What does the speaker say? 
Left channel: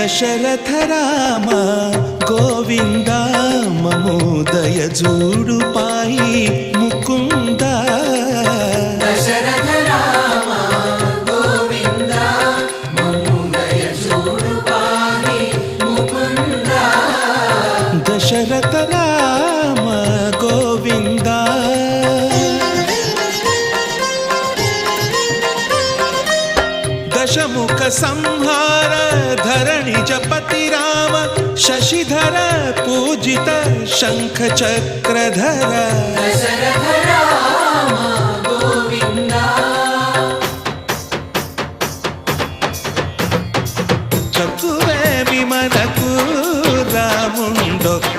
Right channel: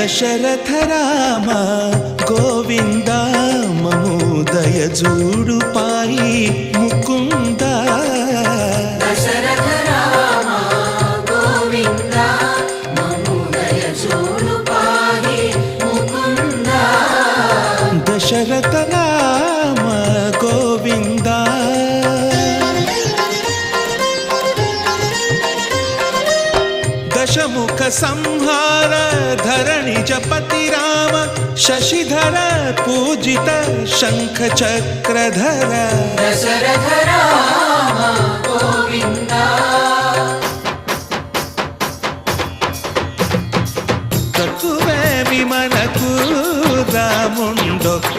దశరథ రామ గోవింద మము దయజూడు పాయి ముకుంద దశరథ రామ గోవింద దశముఖ సంహార ధరణి జపతి రామ శశిధర పూజిత శంఖ చక్రధర తక్కువేమి మనకు రాముండో